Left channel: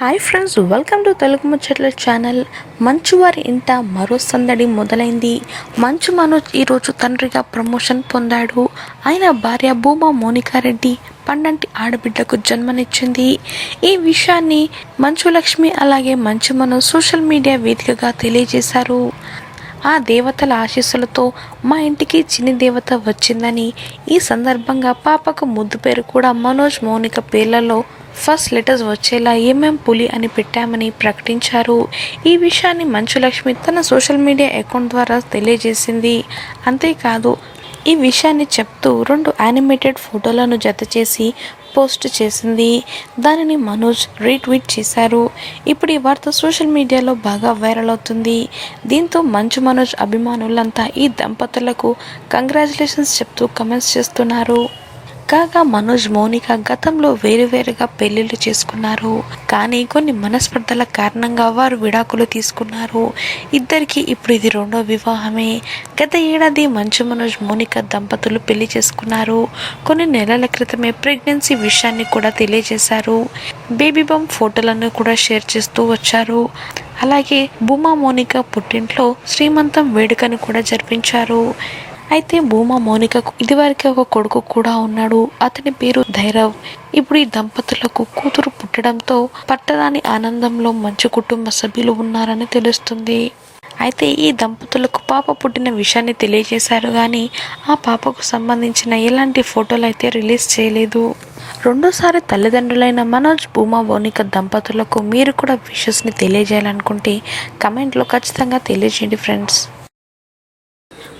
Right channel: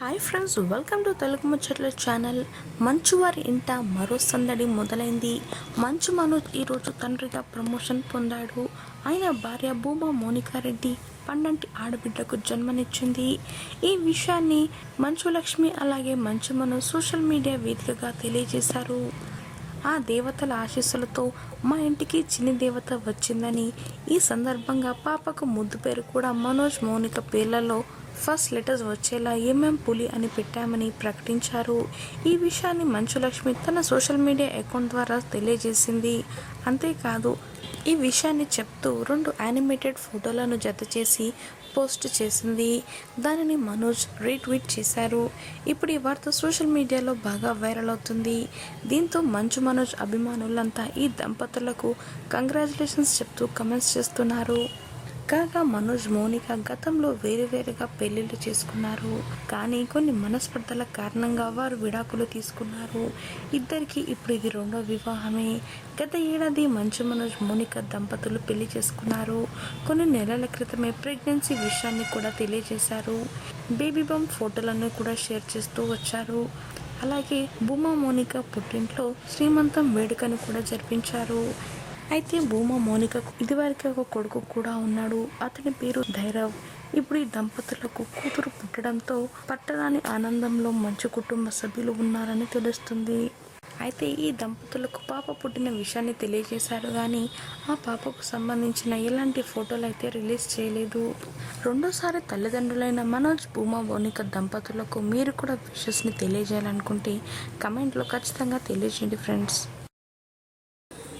Hi friends welcome to Telugu ముచ్చట్ల channel. మంచు వారి ఇంట మరో సందడి మొదలైంది. మంచు మనోజ్ ఈరోజు తండ్రిగా ప్రమోషన్ పొందాడు. ఆయన భార్య భూమా మోనికారెడ్డి పండంటి ఆడబిడ్డకు జన్మనిచ్చింది. ఈ విషయాన్ని మంచు లక్ష్మి అలాగే మంచు మనోజ్ సోషల్ మీడియా వేదికగా తెలియజేశారు. ఆ దేవతల ఆశీస్సులతో మా ఇంటికి చిన్ని దేవత వచ్చిందని ఈ సందర్భంగా పాపకు ముద్దు పేరు కూడా మనోజ్ మౌనిక పేర్లలో ఫస్ట్ లెటర్స్ వచ్చేలా ఏమేం పులి అని పెట్టామని ప్రకటించారు. ఈ విషయాన్ని మంచులక్ష్మి తన సోషల్ మీడియా అకౌంట్ ద్వారా తెలియజేసింది. అంతేకాదు ఈ విషయాన్ని చెప్తూ రెండు యానిమేటెడ్ ఫోటోలను జత చేసి పోస్ట్ చేసింది. దానిని మనోజ్ రీట్వీట్ చేశారు. ఇప్పుడు ఈ వార్త సోషల్ మీడియాలో బాగా వైరల్ అవుతుంది. దీంతో మంచు మనోజ్ అభిమానులంతా ఈ దంపతులకు కంగ్రాచులేషన్స్ చెప్తూ కమెంట్స్ చేస్తున్నారు. కాగా మనోజ్ మౌనిక గతంలో వేరువేరుగా పెళ్ళిళ్ళు చేసుకున్నారు. కానీ కొన్ని మనస్పర్ధల కారణంగా వారు విడాకులు తీసుకున్నారు. ఇద్దరికి ఇప్పుడు ఇది రెండో వివాహమే. గత ఏడాది మంచు మనోజ్ మౌనిక దంపతులు పెళ్ళి చేసుకున్నారు. కొన్ని నెలల క్రితమే ప్రెగ్నెన్సీ విషయాన్ని కూడా తెలియజేశారు. బేబీ బమ్ ఫోటోలను కూడా షేర్ చేస్తూ వచ్చారు. అలాగే భూమా మోనిక పుట్టింట్లో శ్రీమంతం వేడుకను కూడా జరిపించారు. అయితే భూమా మౌనికకు ఇదివరకే ఒక కొడుకు కూడా ఉన్నాడు. అతని పేరు ధైరవ్ ఇప్పుడు ఈ దంపతులకు కూతురు పుట్టడంతో పట్టదాని ఆనందంలో మంచి కుటుంబ సభ్యులు ఉన్నారని తెలుస్తుంది. అయితే ఈ దంపతులకు పాప పుట్టిన విషయాన్ని తెలియజేశారు కానీ ఆ పాపకు సంబంధించిన ఎలాంటి ఫోటోలు అయితే రిలీజ్ చేయలేదు. రెండోసారి తల్లిదండ్రులైన మనోజ్ భూమా మౌనిక దంపతులకు మీరు కూడా విషెస్ని తెలియజేయాలనుకుంటే కమెంట్లో ఖచ్చితంగా తెలియజేయండి ఫ్రెండ్స్.